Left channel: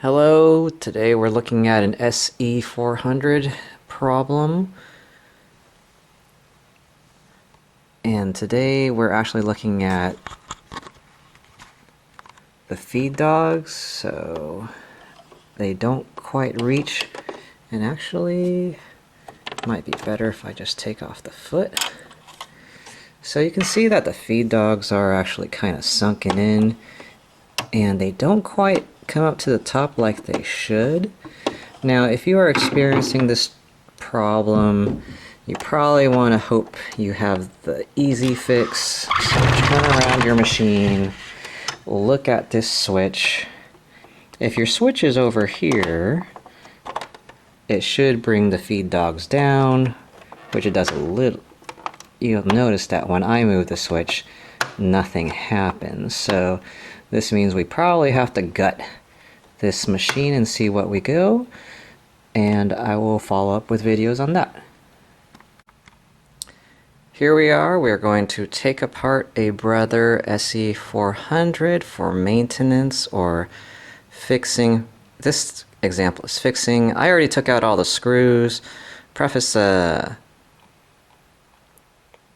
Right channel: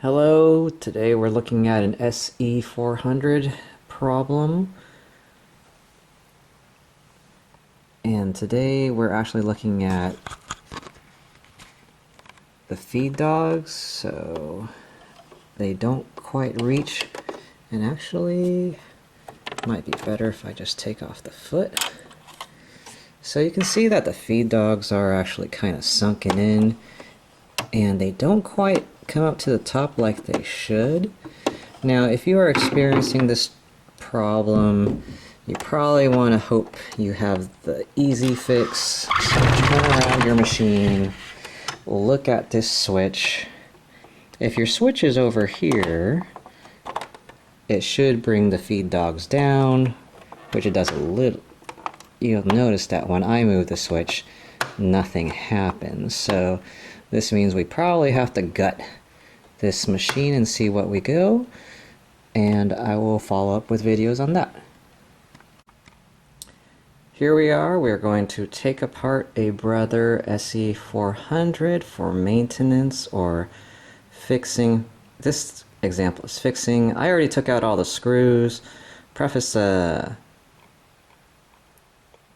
Hello, today we're looking at an SE400 problem. And today we're actually looking at the feed dogs, so they don't quite reach. And actually, it might be better if I just take off the foot. So you can see that the feed dogs are actually kind of sunken in, and they don't quite come up to the top like they should. Now, if you are experiencing this problem, you probably want to hope you have the easy fix. So turn around your machine, look at this switch. If your switch is over here, it should bring the feed dogs down, which it does a little. You'll notice that when I move the switch, nothing happens. So this means we probably have to gut this machine and see what we go, and I will follow up with videos on that. Here we are. We're going to take apart a Brother SE400 for maintenance or fixing. This example is fixing. I already took out all the screws. Preface, I'm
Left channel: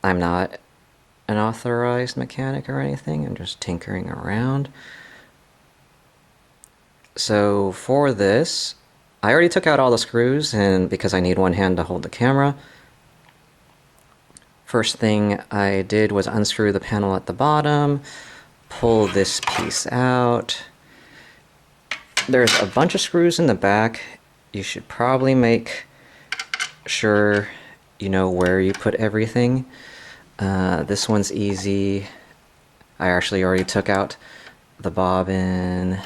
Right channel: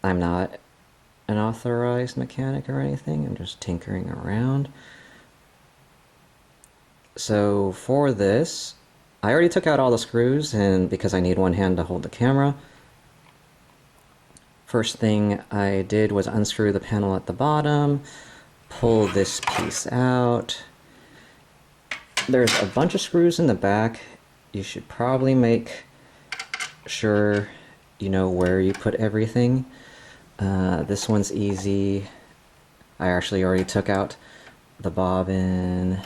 not an authorized mechanic or anything. I'm just tinkering around. So for this, I already took out all the screws, and because I need one hand to hold the camera. First thing I did was unscrew the panel at the bottom, pull this piece out. There's a bunch of screws in the back. You should probably make sure you know where you put everything. This one's easy. I actually already took out the bobbin.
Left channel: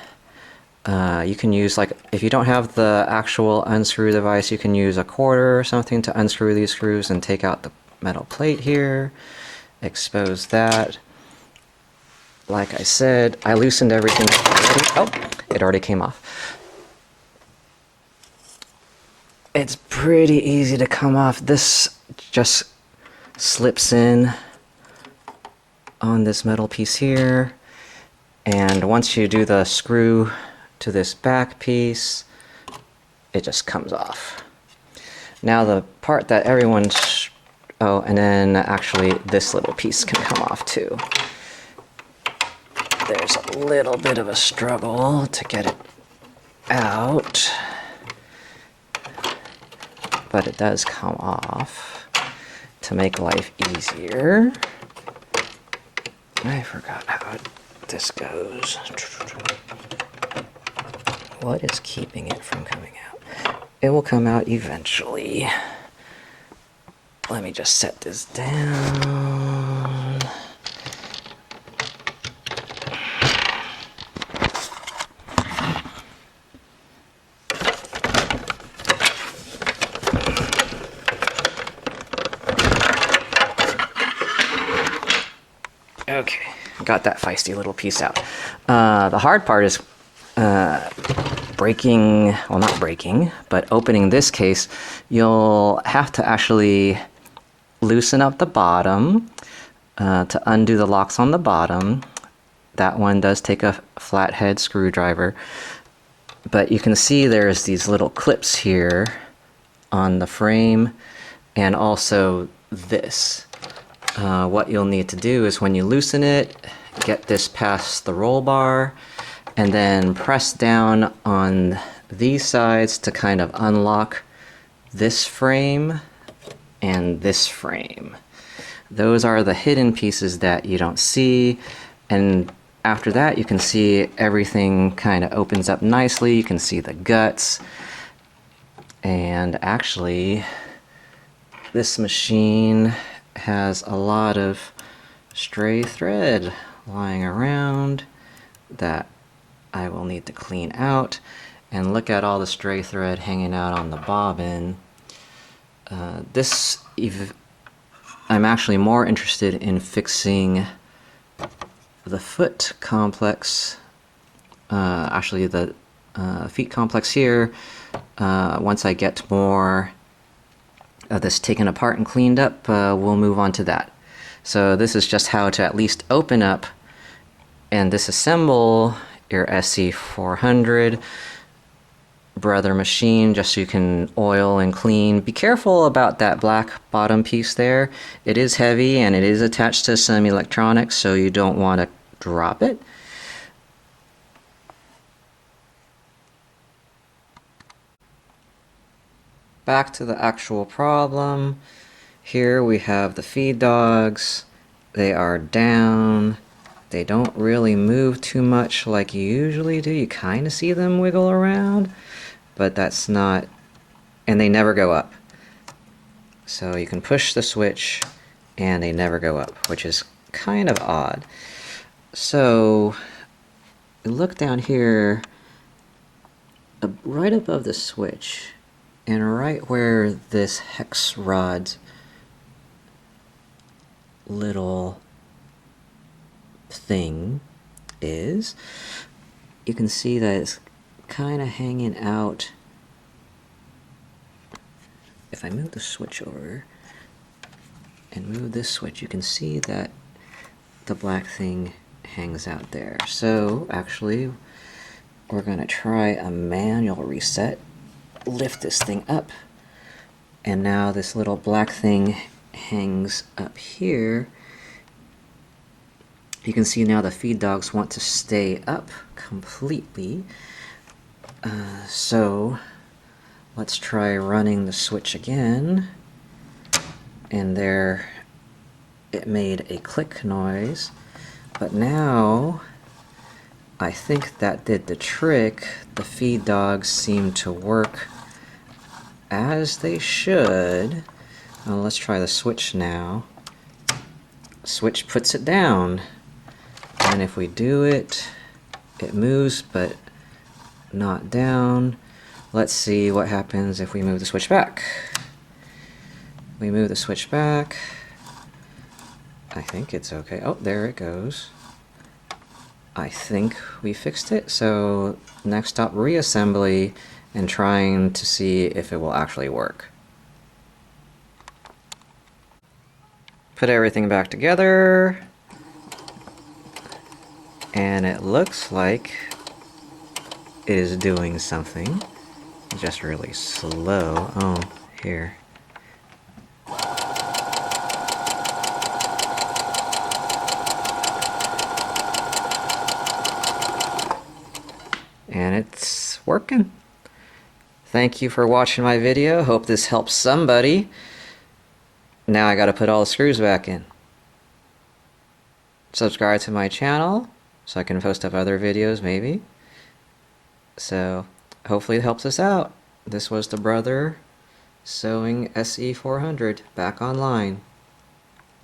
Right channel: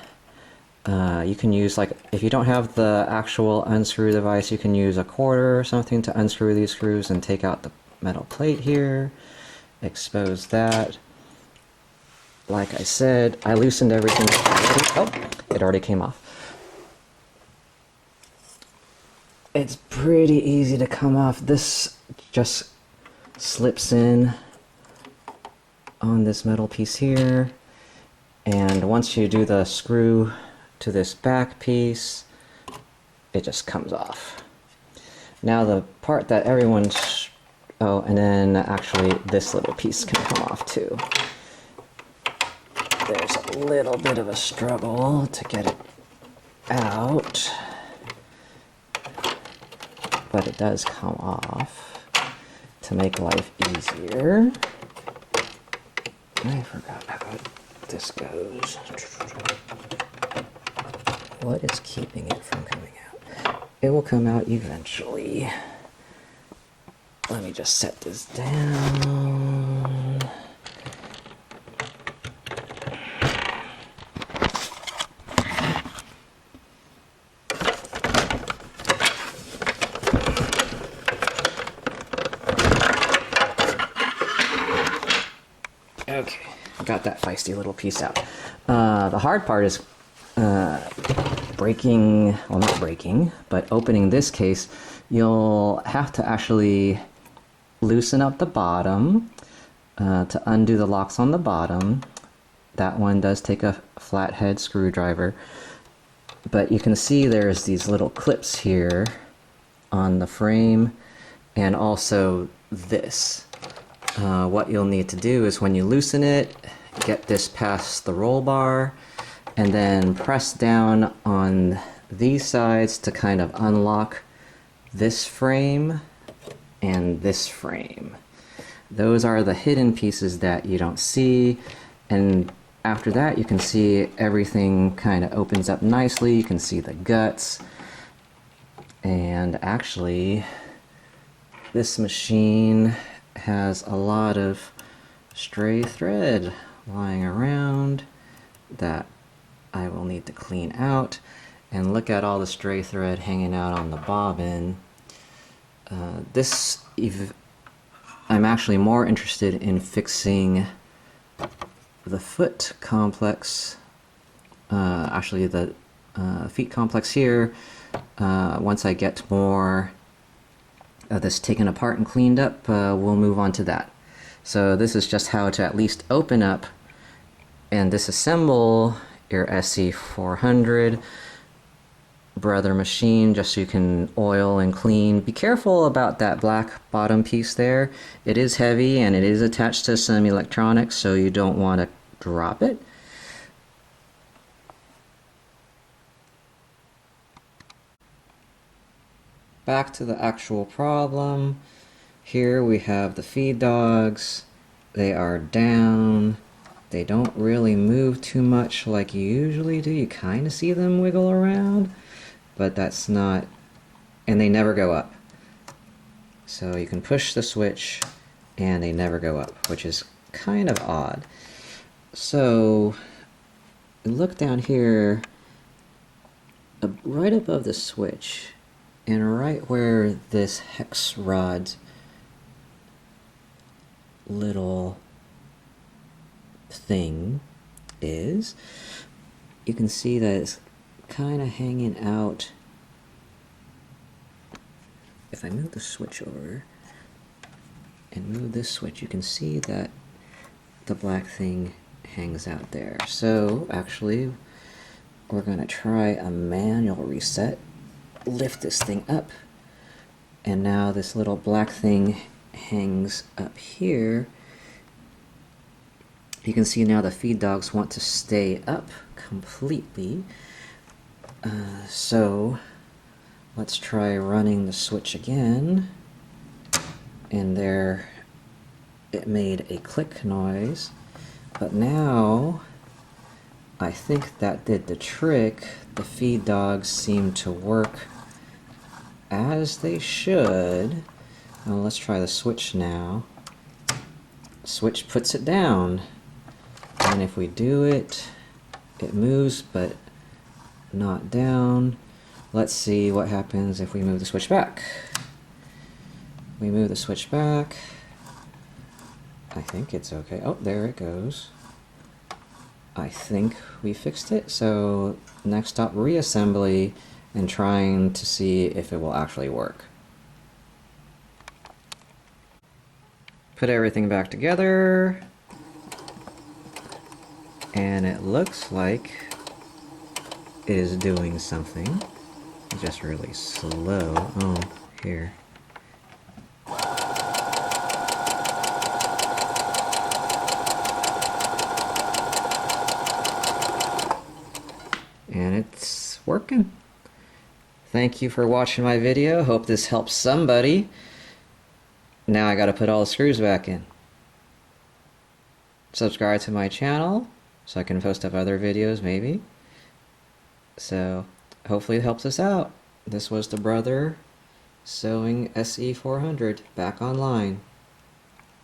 You can use, like, if you don't have the actual unscrew device, you can use a quarter or something to unscrew these screws and take out the metal plate here, expose that. Like I said, I loosened everything already. Oh, it already came off. It's pretty easy to come off. This just slips in on this metal piece here, and once you do the screw to this back piece, it just comes off. Now the part that everyone's, oh, and then actually this little piece can come off too. There's a little bit of a struggle to get it out, but it does come off to make life easier. I forgot how this goes. What is keeping it from coming out? It will come out eventually. Let me just set this down. Okay, got that feisty little piece out. The hard part is breaking, well, not breaking, but opening this case. You'll have to actually loosen up the bottom to undo the locks on the bottom. That one does take a flathead screwdriver, but you can see there's these little clips here on the frame, and also this. What you'll need to do is when you loosen it, get this past the roll bar, and then press down on these sides to kind of unlock this frame and this frame. Those are the hidden pieces that you don't see, and after that you can see everything kind of opens up nicely. You can see the guts, and actually this machine has a lot of stray thread lying around that I will need to clean out. And look at all the stray thread hanging out on the bobbin. I'm actually more interested in fixing the foot complex, actually the feet complex here. Once I get more of this taken apart and cleaned up, we'll move on to that. So this is just how to at least open up and disassemble your SE400. Brother machine just so you can oil and clean. Be careful about that black bottom piece there. It is heavy and it is attached to some electronics, so you don't want to drop it. Back to the actual problem. Here we have the feed dogs. They are down. They don't really move too much like you usually do. You kind of see them wiggle around, but that's not, and they never go up. So you can push the switch and they never go up, which is kind of odd. So look down here, right above the switch, and right where this hex rod's little thing is, you can see that it's kind of hanging out. If I move the switch over and move this switch, you can see that the black thing hangs out there. So actually, we're going to try a manual reset. Lift this thing up, and now this little black thing hangs up here. You can see now the feed dogs want to stay up completely. So let's try running the switch again. And there it made a click noise. But now I think that did the trick. The feed dogs seem to work as they should. Let's try the switch now. Switch puts it down. And if we do it, it moves, but not down. Let's see what happens if we move the switch back. We move the switch back. I think it's okay. Oh, there it goes. I think we fixed it. So next stop, reassembly, and trying to see if it will actually work. Put everything back together. And it looks like it is doing something. Just really slow. Oh, here. And it's working. Thank you for watching my video. Hope this helps somebody. Now I gotta put all the screws back in. Subscribe to my channel so I can post up other videos maybe. So hopefully it helps us out. This was the Brother Sewing SE400 back online.